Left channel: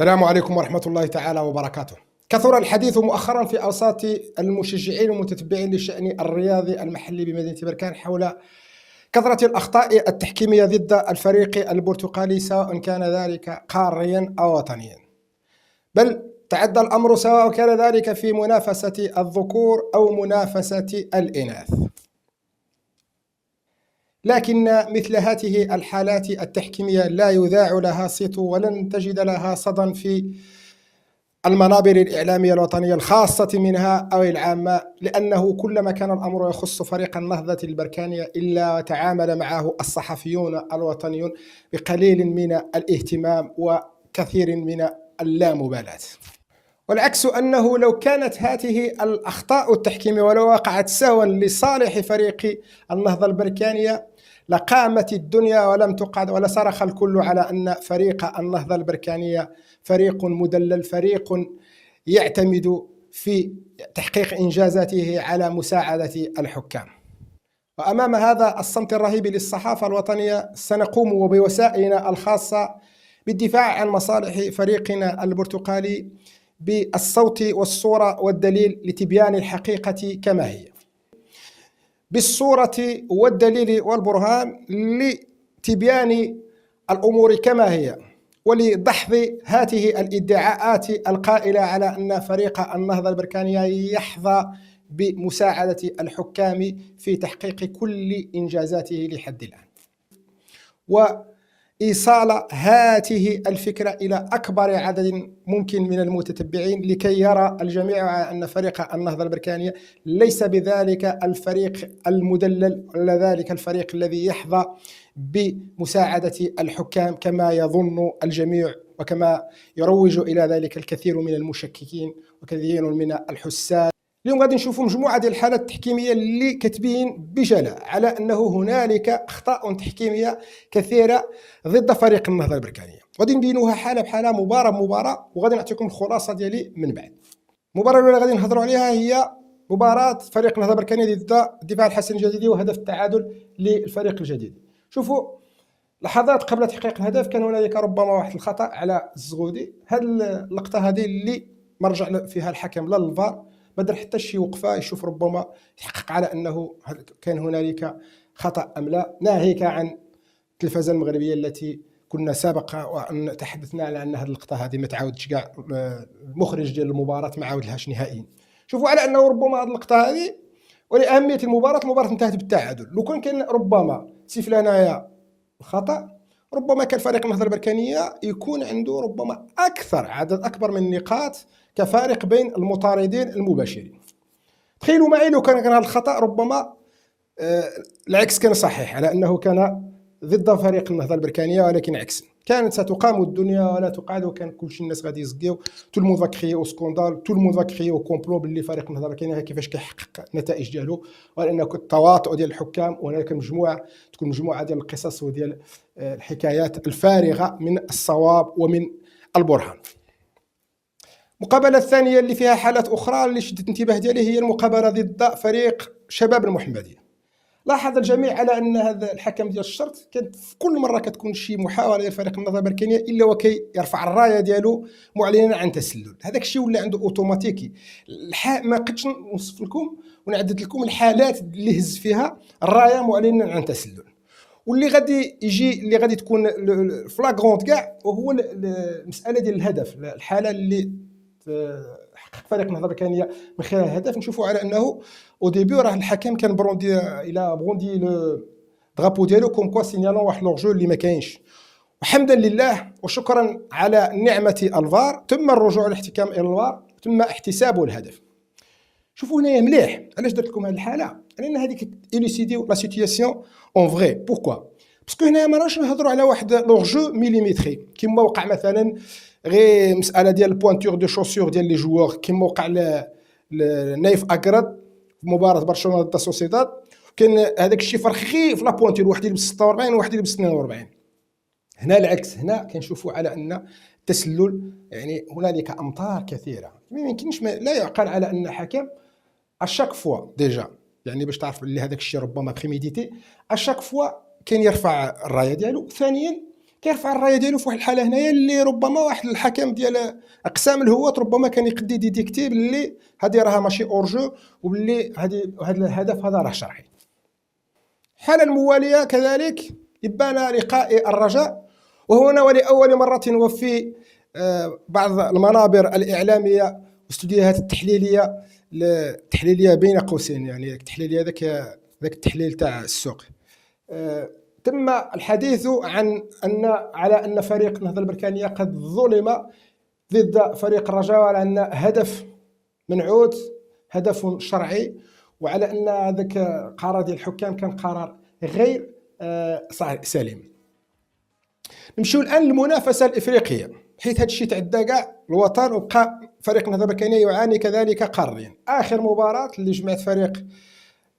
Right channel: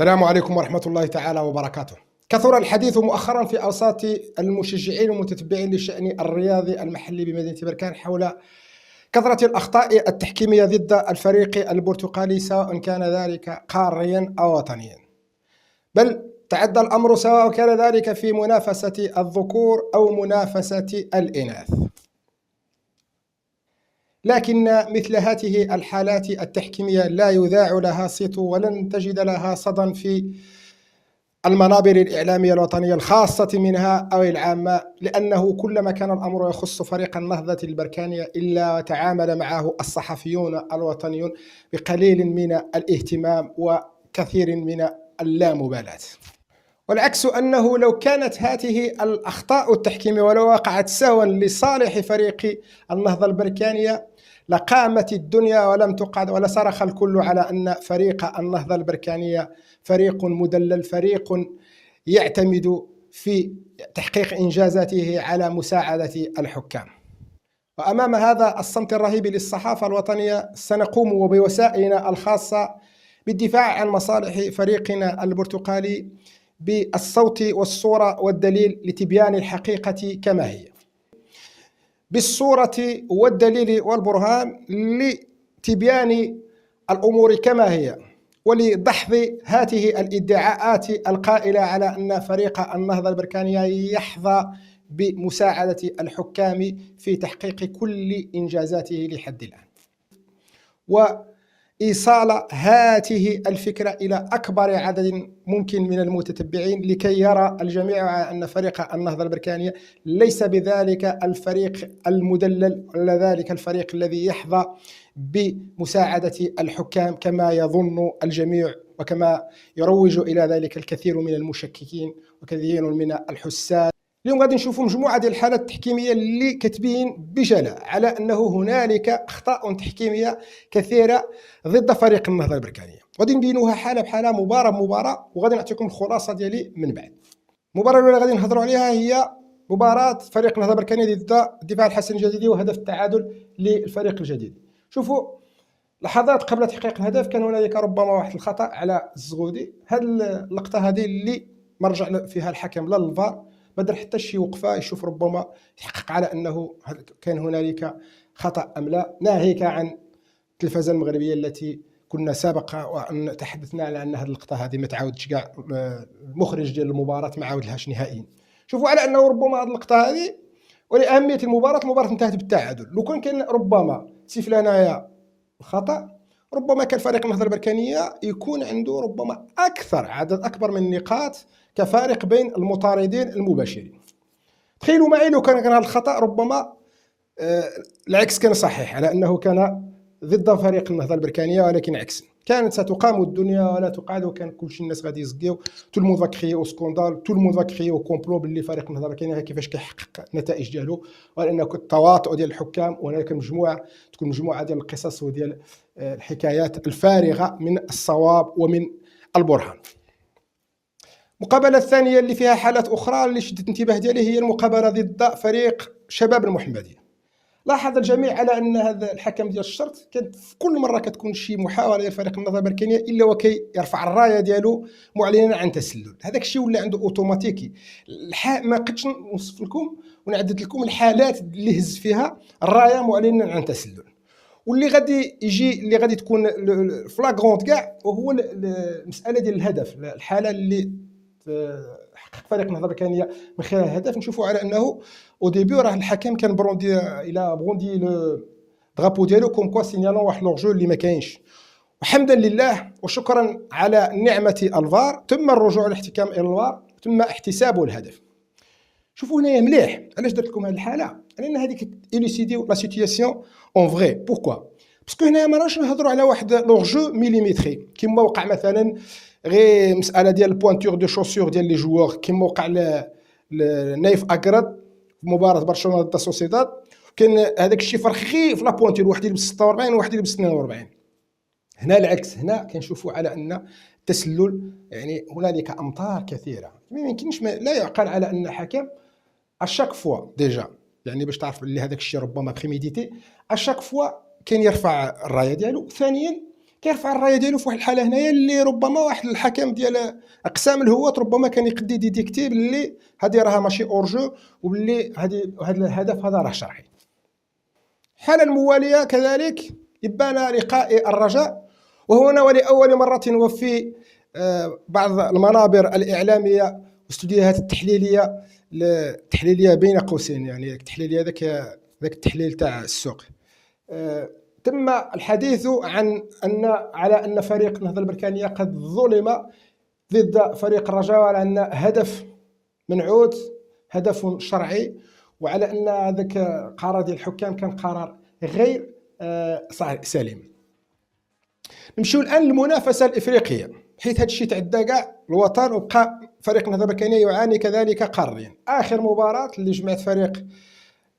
السلام عليكم ورحمة الله تعالى وبركاته. كثر الحديث مؤخرا في أوساط المشجعين والمتتبعين للشأن الرياضي المحلي بمدينة بركان حول كثرة الأخطاء التحكيمية ضد الفريق البرتقالي، سواء كان ذلك قاريا أو وطنيا، بل تعدى الأمر سواء كان ذلك في منافسة الذكور أو منافسة الإناث. لكن مثل هذه الحالات التحكيمية لا يذاع لها صيت ولن تجد لها صدى في المنابر الإعلامية الوطنية الخاصة منها أو العامة، لأنه كلما كان الأمر يخص فريق النهضة البركانية إلا وتعامل معه الصحفيون الوطنيون بقليل من الاهتمام وكثير من اللامبالاة. والعكس أنه لو كانت هذه الأخطاء التحكيمية ولو وقعت سهوا لصالح فريق النهضة البركانية لقامت الدنيا ولم تقعد، ولصرخ الكل على أن فريق النهضة البركانية فريق مدلل، فريق يعتمد في تحقيق إنجازاته على مساعدة الحكام. وأمام هذا الصمت الرهيب للصحافة الوطنية سنقوم وبوسائلنا الخاصة بالدفاع عن مصالح فريقنا البرتقالي بالصوت والصورة والدليل لتبيان الحقيقة كما هي، بالصورة والدليل والبرهان لتبيان الأمور كما هي، ولدحض هذه الادعاءات القائلة على أن فريق النهضة البركانية يحظى بمساعدة الحكام في تحقيق كل إنجازاته لحد الآن، وإيصال هذه الفكرة إلى أكبر عدد ممكن من المتتبعين لكي يرى الجميع أن فريق النهضة البركانية ليس بذلك الفريق المدلل ولا ذلك الفريق الذي يحظى بمساعدة الحكام كما يظن الجميع وكما يروج إلى ذلك الكثير من المشككين وكثير من الحساد. اليوم غادي نشوفوا مجموعة ديال الحالات التحكيمية اللي كتبين بجلاء على أنه هنالك أخطاء تحكيمية كثيرة ضد فريق النهضة البركانية، غادي نبينوها حالة بحالة مباراة بمباراة، وغادي نعطيكم الخلاصة ديالي من بعد. المباراة الأولى غادي نهضروا عليها هي مباراة فريق النهضة البركانية ضد الدفاع الحسن الجديدي وهدف التعادل للفريق الجديد. شوفوا لحظات قبل تحقيق الهدف كان هنالك ربما واحد الخطأ على الزغودي. هذه اللقطة هذه اللي ما رجع فيها الحكم لا للفار، ما دار حتى شي وقفه يشوف ربما يحقق على انه كان هنالك خطا ام لا، ناهيك عن التلفزه المغربيه التي كنا سابقا وان تحدثنا على ان هذه اللقطه هذه ما تعاودش كاع، المخرج ديال المباراه ما عاودلهاش نهائيا. شوفوا على انه ربما هذه اللقطه هذه ولاهميه المباراه انتهت بالتعادل. لو كان ربما سيف لنايا الخطا، ربما كان فريق النهضه البركانيه يكون عنده ربما عدد اكبر من النقاط كفارق بين المطاردين المباشرين. تخيلوا معي لو كان هذا الخطأ ربما العكس كان صحيح، على أنه كان ضد فريق النهضة البركانية، ولكن عكس كانت ستقام الدنيا ولا تقعد، وكان كلشي الناس غادي يزكيو تو الموند كريو سكوندال، تو الموند كريو كومبلو باللي فريق النهضة البركانية كيفاش كيحقق النتائج ديالو، وأن التواطؤ ديال الحكام، وهناك تكون مجموعة ديال القصص وديال الحكايات الفارغة من الصواب ومن البرهان. المقابلة الثانية اللي فيها حالات أخرى اللي شدت الانتباه ديالي هي المقابلة ضد فريق شباب المحمدية. لاحظ الجميع على أن هذا الحكم ديال الشرط كانت في كل مرة كتكون شي محاولة لفريق النهضة البركانية إلا وكي يرفع الراية ديالو معلنا عن تسلل. هذاك الشيء ولا عنده أوتوماتيكي. ما قدش نوصف لكم ونعدد لكم الحالات اللي هز فيها الراية معلنا عن تسلل، واللي غادي يجي اللي غادي تكون فلاغونت كاع وهو المسألة ديال الهدف. الحالة اللي حقق فريق النهضة البركانية من خلال الهدف نشوفوا على انه او ديبي راه الحكم كان بروندي الى بروندي لو درابو ديالو كوم كوا سينيالون واحد لورجو اللي ما كاينش، وحمدا لله وشكرا على نعمه الفار تم الرجوع للاحتكام الى الفار، تم احتساب الهدف. شوفوا هنايا مليح علاش درت لكم هذه الحاله، لان هذه كتيليسيدي لا سيتياسيون اون فري. بوركوا؟ باسكو هنايا ما راش نهضروا على واحد لورجو ميليمتري كيما وقع مثلا غير مساله ديال البوانتور دو شوسور ديال لي جوور كيما وقع لنايف اكرد في مباراه برشلونه ضد سوسيداد. كان هذاك الشيء فرق غير في لا بوانتور، واحد يلبس 46 وواحد يلبس 42. هنا العكس، هنا كنشوفوا على ان التسلل يعني هنالك امطار كثيره. ما يمكنش لا يعقل على ان حكم اشاك فوا ديجا، يعني باش تعرف بلي هذاك الشيء ربما بريميديتي، اشاك فوا كان يرفع الرايه ديالو. ثانيا كيرفع الرايه ديالو في واحد الحاله هنايا اللي ربما واحد الحكم ديال اقسام الهوات ربما كان يقدي ديتيكتي باللي هذه راها ماشي اورجو، وباللي هذا الهدف هذا راه شرعي. الحاله المواليه كذلك ابان لقاء الرجاء، وهنا ولاول مره وفي بعض المنابر الاعلاميه واستوديوهات التحليليه بين قوسين، يعني التحليليه ذاك التحليل تاع السوق، تم الحديث على ان فريق النهضه البركانيه قد ظلم ضد فريق الرجاء، وعلى ان هدف منعوت، هدف شرعي، وعلى ان هذاك القرار ديال الحكام كان قرار غير سليم. نمشيو الان للمنافسه الافريقيه، حيث هذا الشيء تعدى كاع الوطن، وبقى فريق النهضه البركانيه يعاني كذلك قاريا. اخر مباراه اللي جمعت فريق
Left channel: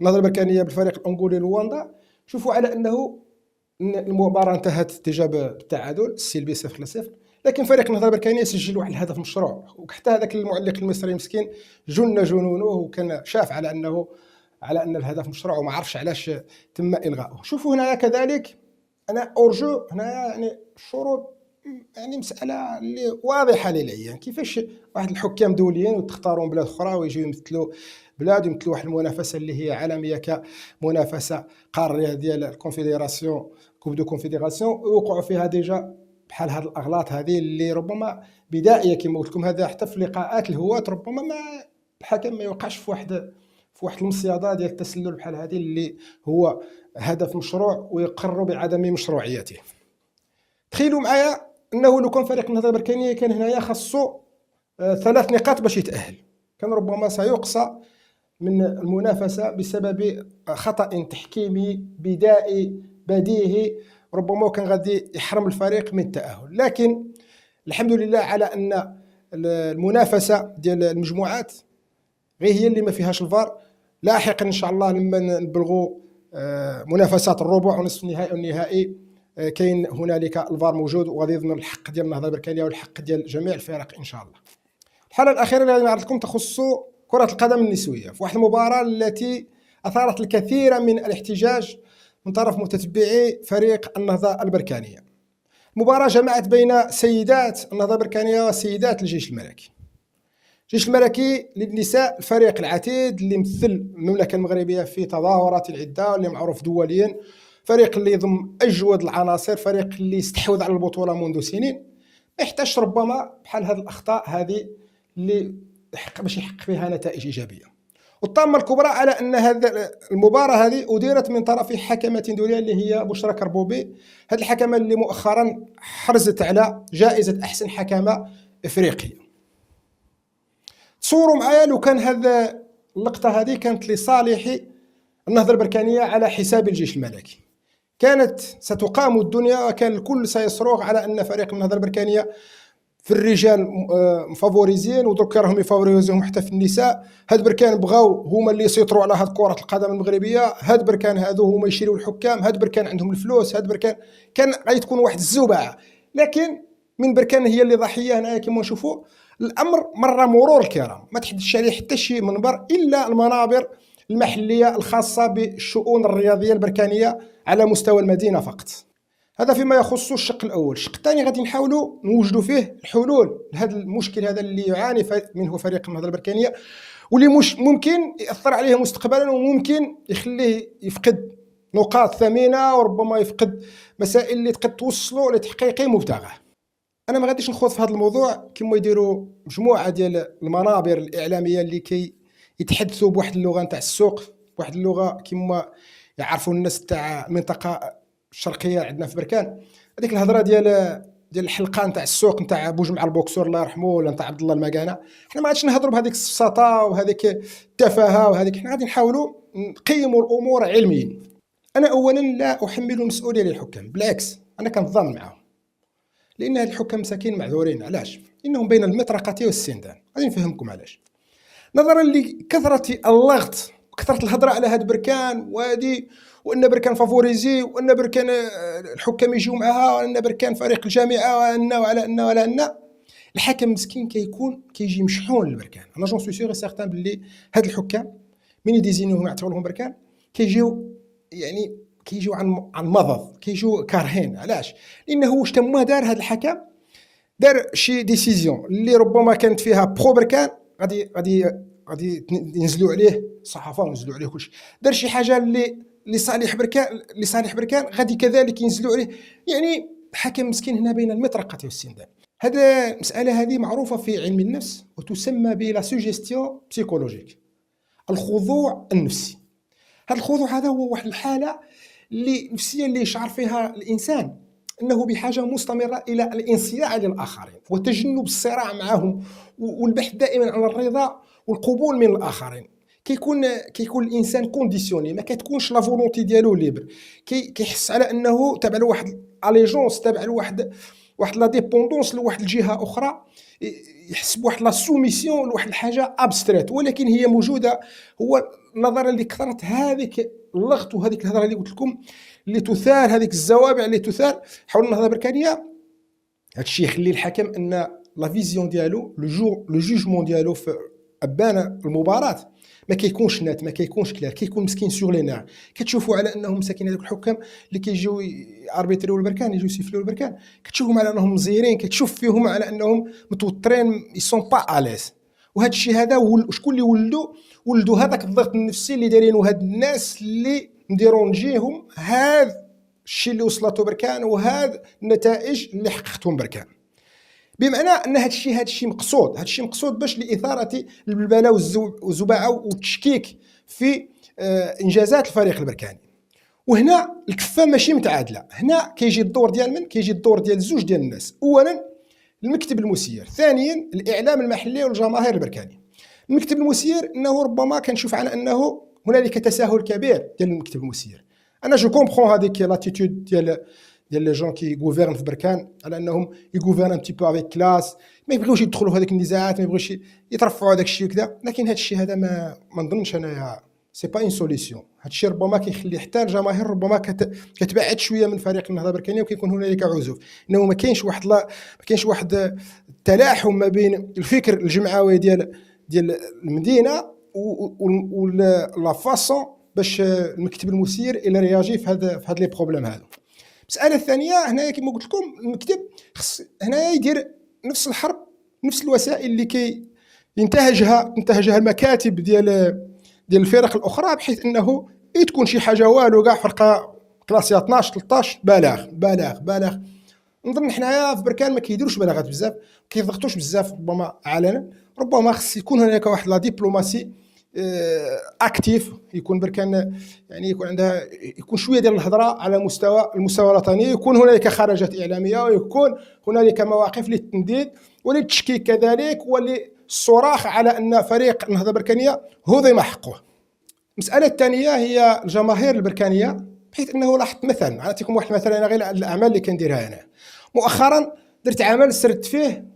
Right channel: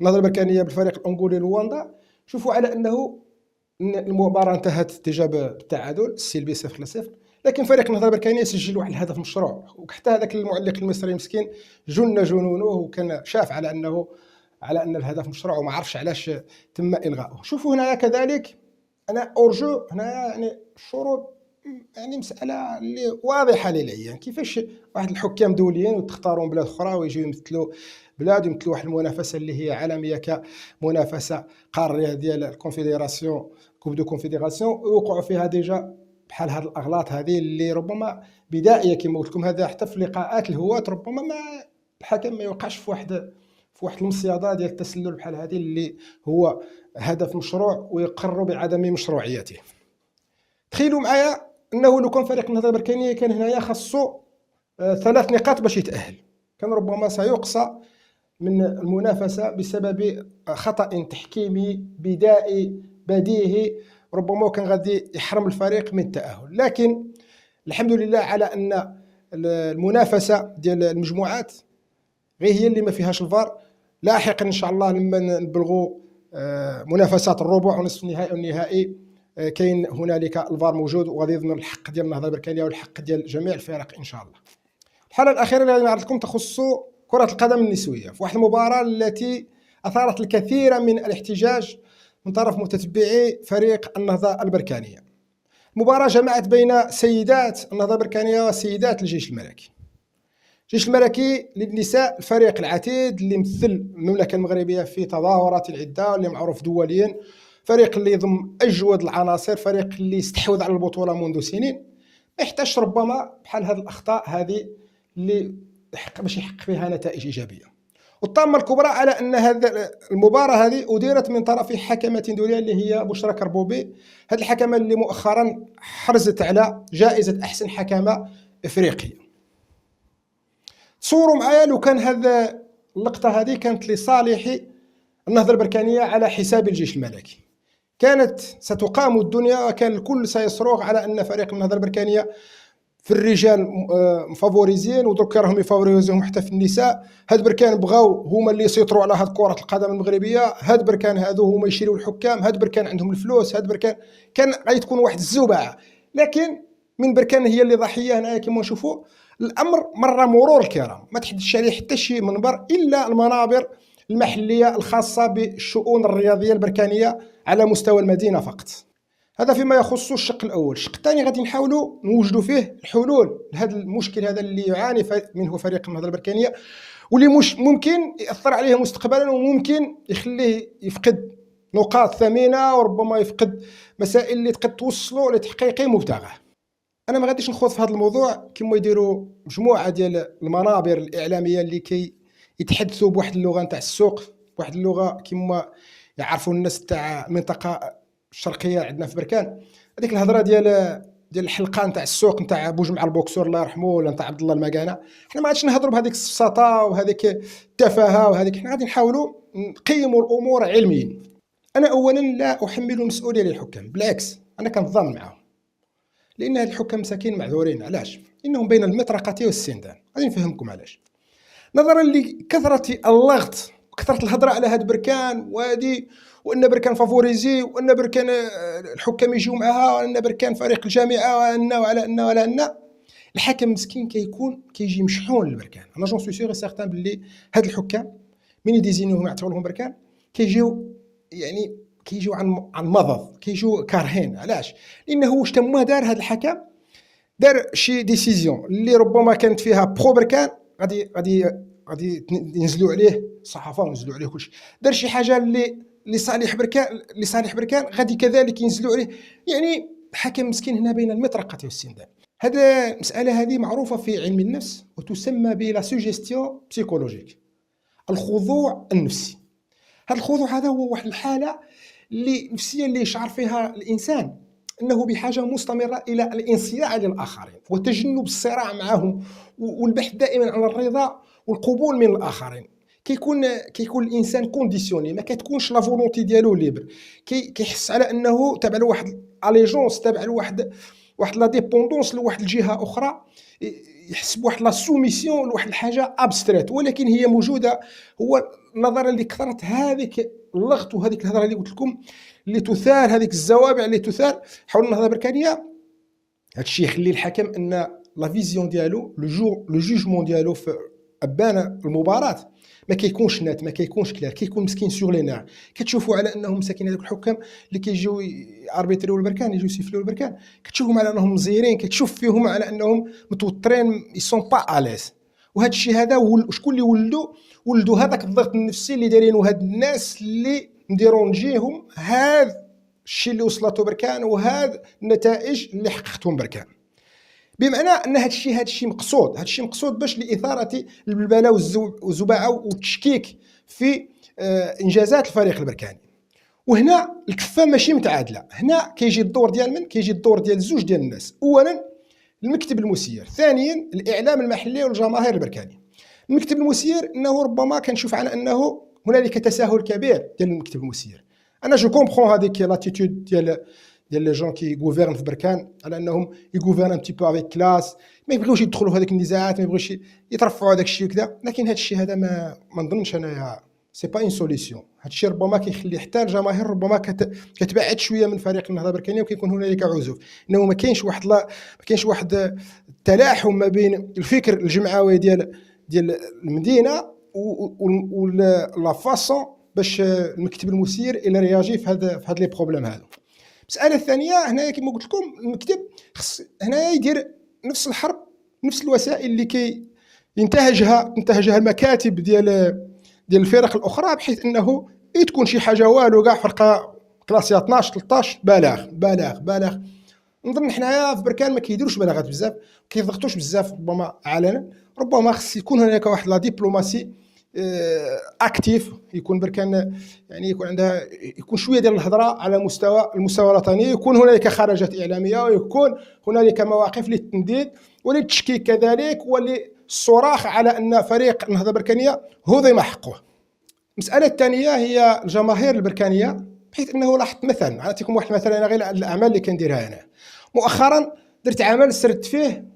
النهضه البركانيه بالفريق الانغولي لواندا، شوفوا على انه المباراه انتهت اتجاه بالتعادل السلبي 0-0، لكن فريق النهضه البركانيه سجل واحد الهدف مشروع، وحتى هذاك المعلق المصري مسكين جن جنونه، وكان شاف على ان الهدف مشروع وما عرفش علاش تم الغائه. شوفوا هنا كذلك انا اورجو هنا، يعني الشروط يعني مساله اللي واضحه للعيان، كيفاش واحد الحكام دوليين وتختارون بلاد اخرى ويجيو يمثلوا بلاد، يمثلوا واحد المنافسه اللي هي عالميه كمنافسه قاريه ديال الكونفدراسيون، كوب دو كونفدراسيون، ويوقعوا فيها ديجا بحال هاد الاغلاط هذه اللي ربما بدائيه كما قلت لكم. هذا حتى في لقاءات الهواة ربما ما الحكم ما يوقعش في واحد المصيده ديال التسلل بحال هذه اللي هو هدف مشروع ويقر بعدم مشروعيته. تخيلوا معايا انه لو كان فريق النهضه البركانيه كان هنايا خاصو 3 نقاط باش يتاهل، كان ربما سيقصى من المنافسه بسبب خطا تحكيمي بدائي بديهي، ربما كان غادي يحرم الفريق من التاهل. لكن الحمد لله على ان المنافسه ديال المجموعات غير هي اللي ما فيهاش الفار. لاحقا ان شاء الله لما نبلغوا منافسات الربع ونصف النهائي والنهائي كاين هنالك الفار موجود، وغادي يضمن الحق ديال النهضه البركانيه والحق ديال جميع الفرق ان شاء الله. الحاله الاخيره اللي غادي نعرض لكم تخص كره القدم النسويه، في واحد المباراه التي اثارت الكثير من الاحتجاج من طرف متتبعي فريق النهضه البركانيه. مباراه جمعت بين سيدات النهضه البركانيه وسيدات الجيش الملكي. الجيش الملكي للنساء الفريق العتيد اللي يمثل المملكه المغربيه في تظاهرات العده، واللي معروف دوليا، فريق اللي يضم اجود العناصر، فريق اللي استحوذ على البطوله منذ سنين، يحتاج ربما بحال هذه الاخطاء هذه اللي باش يحقق فيها نتائج ايجابيه. والطامه الكبرى على ان هذه المباراه هذه اديرت من طرف حكمه دوليه اللي هي بشرى كربوبي، هذه الحكمه اللي مؤخرا حرزت على جائزه احسن حكمه افريقيه. تصوروا معايا لو كان هذا اللقطه هذه كانت لصالح النهضه البركانيه على حساب الجيش الملكي، كانت ستقام الدنيا، وكان الكل سيصرخ على ان فريق النهضه البركانيه في الرجال مفافوريزين، ودرك راهم يفافوريزيهم حتى في النساء. هاد بركان بغاو هما اللي يسيطروا على هاد كره القدم المغربيه، هاد بركان هادو هما يشيروا الحكام، هاد بركان عندهم الفلوس، هاد بركان كان غادي تكون واحد الزوبعه. لكن من بركان هي اللي ضحيه هنايا كما نشوفوا. الامر مر مرور الكرام، ما تحدثش عليه حتى شي منبر الا المنابر المحليه الخاصه بالشؤون الرياضيه البركانيه على مستوى المدينه فقط. هذا فيما يخص الشق الاول. الشق الثاني غادي نحاولوا نوجدوا فيه الحلول لهذا المشكل هذا اللي يعاني منه فريق النهضه البركانيه، واللي مش ممكن ياثر عليه مستقبلا، وممكن يخليه يفقد نقاط ثمينه، وربما يفقد مسائل اللي تقد توصلوا لتحقيق مبتغاه. انا ما غاديش نخوض في هذا الموضوع كما يديروا مجموعه ديال المنابر الاعلاميه اللي كي يتحدثوا بواحد اللغه نتاع السوق، بواحد اللغه كما يعرفوا الناس تاع المنطقه الشرقيه عندنا في بركان. هذيك الهضره ديال الحلقه نتاع السوق نتاع بوجمع البوكسور الله يرحمه، ولا نتاع عبد الله المكانه. حنا ما غاديش نهضروا بهذيك السفسطه وهذيك التفاهه وهذيك، حنا غادي نحاولوا نقيموا الامور علميا. انا اولا لا احمل المسؤوليه للحكام، بالعكس انا كنتضامن معهم، لان هاد الحكام مساكين معذورين. علاش؟ انهم بين المطرقه والسندان. غادي نفهمكم علاش. نظرا لكثره اللغط وكثره الهضره على هاد بركان وهادي، وان بركان فافوريزي، وان بركان الحكام يجيو معها، وان بركان فريق الجامعه، وعلى ان الحكم مسكين كيجي مشحون للبركان. انا جون سوي سيغ سيغتان باللي هاد الحكام من يديزينيوهم يعتبروا لهم بركان كيجيو يعني كيجيو عن مضض، كيجيو كارهين. علاش؟ لانه واش تما دار هذا الحكم، دار شي ديسيزيون اللي ربما كانت فيها برو بركان، غادي ينزلوا عليه الصحافه وينزلوا عليه كلشي. دار شي حاجه اللي لصالح بركان غادي كذلك ينزلوا عليه. يعني الحكم مسكين هنا بين المطرقه والسندان. هذا المساله هذه معروفه في علم النفس وتسمى ب لا سوجيستيون بسيكولوجيك، الخضوع النفسي. هذا الخضوع هذا هو واحد الحاله اللي نفسيه اللي يشعر فيها الانسان انه بحاجه مستمره الى الانصياع للاخرين وتجنب الصراع معهم والبحث دائما عن الرضا والقبول من الاخرين. كيكون الانسان كونديسيوني، ما كتكونش لا فولونتي ديالو ليبر، كيحس على انه تابع لواحد اليجونس، تابع لواحد لا ديبوندونس لواحد الجهه اخرى، يحس بواحد لا سوميسيون لواحد الحاجه ابستريت ولكن هي موجوده. هو نظرا لكثره هذيك اللغط وهذيك الهضره اللي قلت لكم اللي تثار، هذيك الزوابع اللي تثار حول النهضه البركانيه، هذا الشيء يخلي الحكم ان لا فيزيون ديالو لو جوجمون ديالو في ابان المباراه ما كيكونش نات، ما كيكونش كلير، كيكون مسكين سور لي نير. كتشوفوا على انهم مساكين هذوك الحكام اللي كيجيو اربيتريو البركان، يجيو يسيفليو البركان، كتشوفهم على انهم مزيرين، كتشوف فيهم على انهم متوترين، يسون با اليز. وهذا الشيء هذا شكون اللي ولدوا هذاك الضغط النفسي اللي دايرينه هاد الناس اللي نديرونجيهم هذا الشيء اللي وصلته بركان وهذا النتائج اللي حققتهم بركان. بمعنى ان هذا الشيء مقصود باش لاثاره البلبله والزباعه والتشكيك في انجازات الفريق البركاني. وهنا الكفه ماشي متعادله، هنا كيجي الدور ديال من؟ كيجي الدور ديال زوج ديال الناس. اولا المكتب المسير، ثانيا الاعلام المحلي والجماهير البركاني. المكتب المسير انه ربما كنشوف على انه هنالك تساهل كبير ديال المكتب المسير. انا جو كومبرون هذيك لاتيتود ديال لي جون كي غوفيرن في بركان على انهم يغوفيرن ان بتي بو افيك كلاس، ما يبغيوش يدخلوا في هذيك النزاعات، ما يبغيوش يترفعوا هذاك الشيء وكذا. لكن هذا الشيء هذا ما نظنش انايا سي با اون سوليسيون. هذا الشيء ربما كيخلي حتى الجماهير ربما كتبعد شويه من فريق النهضه البركانيه، وكيكون هنالك عزوف، انه ما كاينش واحد التلاحم ما بين الفكر الجمعوي ديال المدينه و لا فاسون باش المكتب المسير الى رياجي في هاد لي بروبليم هادو. المساله الثانيه هنايا كما قلت لكم، المكتب خص هنايا يدير نفس الحرب، نفس الوسائل اللي ينتهجها المكاتب ديال الفرق الاخرى، بحيث انه تكون شي حاجه والو كاع فرقه كلاسيه 12 13 بالغ. نظن حنايا في بركان ما كيديروش بلاغات بزاف، كيضغطوش بزاف ربما علنا. ربما خص يكون هناك واحد لا دبلوماسي اكتيف، يكون بركان يعني يكون شويه ديال الهضره على المستوى الوطني، يكون هنالك خرجات اعلاميه، ويكون هنالك مواقف للتنديد وللتشكيك كذلك وللصراخ على ان فريق النهضه البركانيه هضم حقه. المساله الثانيه هي الجماهير البركانيه، بحيث انه لاحظت مثلا، نعطيكم واحد مثلا انا غير الاعمال اللي كنديرها انا مؤخرا. درت عمل سردت فيه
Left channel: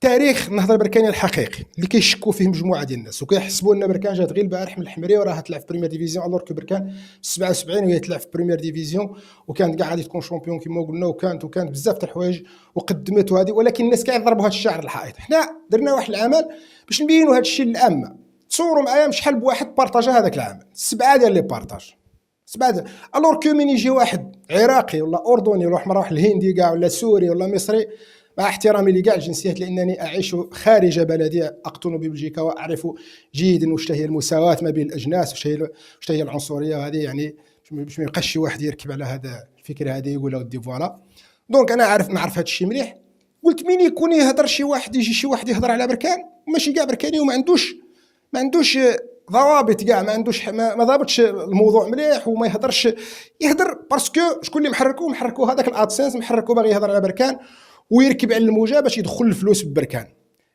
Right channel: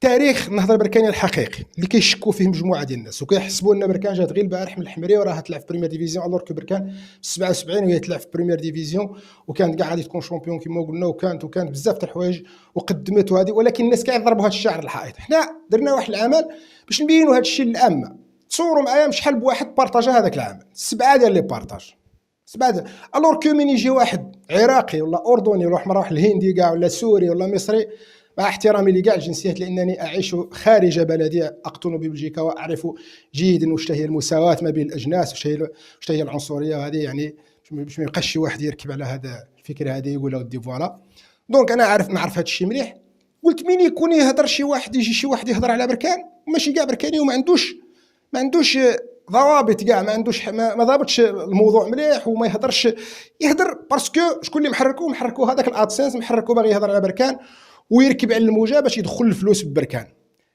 تاريخ النهضه البركانيه الحقيقي اللي كيشكوا فيه مجموعه ديال الناس وكيحسبوا ان بركان جات غير البارح من الحمريه وراها تلعب في بريمير ديفيزيون، الوغ كو بركان 77 وهي تلعب في بريمير ديفيزيون وكانت كاع غادي تكون شامبيون كما قلنا، وكانت بزاف تاع الحوايج وقدمت هذه، ولكن الناس كيضربوا هذا الشعر الحائط. حنا درنا واحد العمل باش نبينوا هذا الشيء للعامه. تصوروا معايا شحال بواحد بارطاجا هذاك العمل، 7 ديال لي بارطاج، 7 الوغ كو من يجي واحد عراقي ولا اردني ولا واحد الهندي كاع ولا سوري ولا مصري، مع احترامي لكاع الجنسيات لانني اعيش خارج بلدي، اقطن ببلجيكا واعرف جيدا واش هي المساواه ما بين الاجناس، واش هي العنصريه هذه. يعني باش ما يبقاش شي واحد يركب على هذا الفكره هذه يقول ودي فوالا. دونك انا نعرف هذا الشيء مليح. قلت مين يكون يهضر شي واحد، يجي شي واحد يهضر على بركان ماشي كاع بركاني وما عندوش ضوابط كاع، ما عندوش ما ضابطش الموضوع مليح وما يهضر باسكو شكون اللي محركوه هذاك الادسنس، محركوه باغي يهضر على بركان ويركب على الموجه باش يدخل الفلوس ببركان.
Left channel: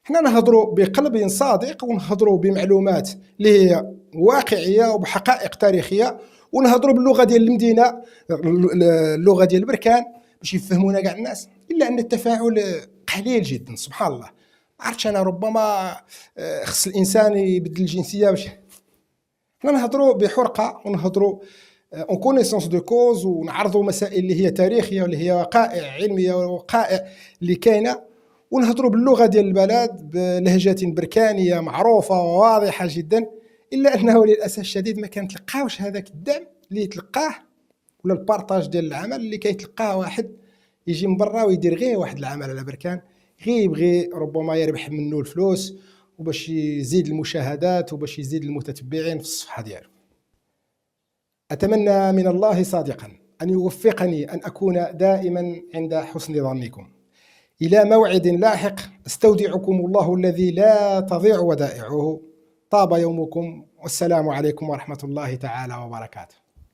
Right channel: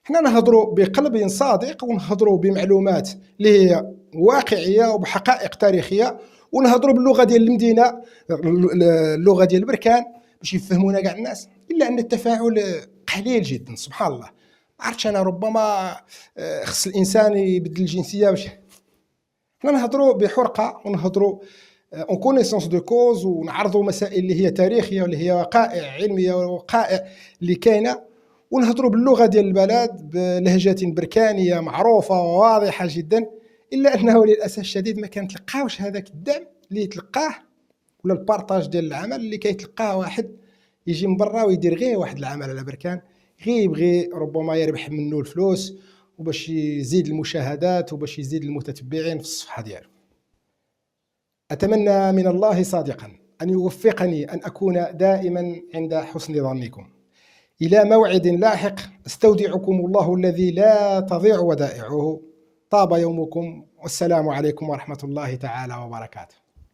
حنا نهضروا بقلب صادق ونهضروا بمعلومات اللي هي واقعيه وبحقائق تاريخيه، ونهضروا باللغه ديال المدينه، اللغه ديال بركان باش يفهمونا كاع الناس. الا ان التفاعل قليل جدا سبحان الله. عرفتش انا ربما خص الانسان يبدل الجنسيه باش حنا نهضروا بحرقه ونهضروا اون كونيسونس دو كوز ونعرضوا مسائل اللي هي تاريخيه واللي هي وقائع علميه ووقائع اللي كاينه، ونهضروا باللغه ديال البلد بلهجه بركانيه معروفه وواضحه جدا. الا انه للاسف الشديد ما كنتلقاوش هذاك الدعم اللي يتلقاه ولا البارطاج ديال العمل اللي كيتلقاه واحد يجي من برا ويدير غير واحد العمل على بركان، غير يبغي ربما يربح منه الفلوس وباش يزيد المشاهدات وباش يزيد المتتبعين في الصفحة ديالو. أتمنى من الله صادقا أن يوفقني أن أكون دائما عند حسن ظنكم. إلى موعد لاحق استودعكم الله الذي لا تضيع ودائعه. طاب يومكم، والسلام عليكم ورحمة الله تعالى وبركاته.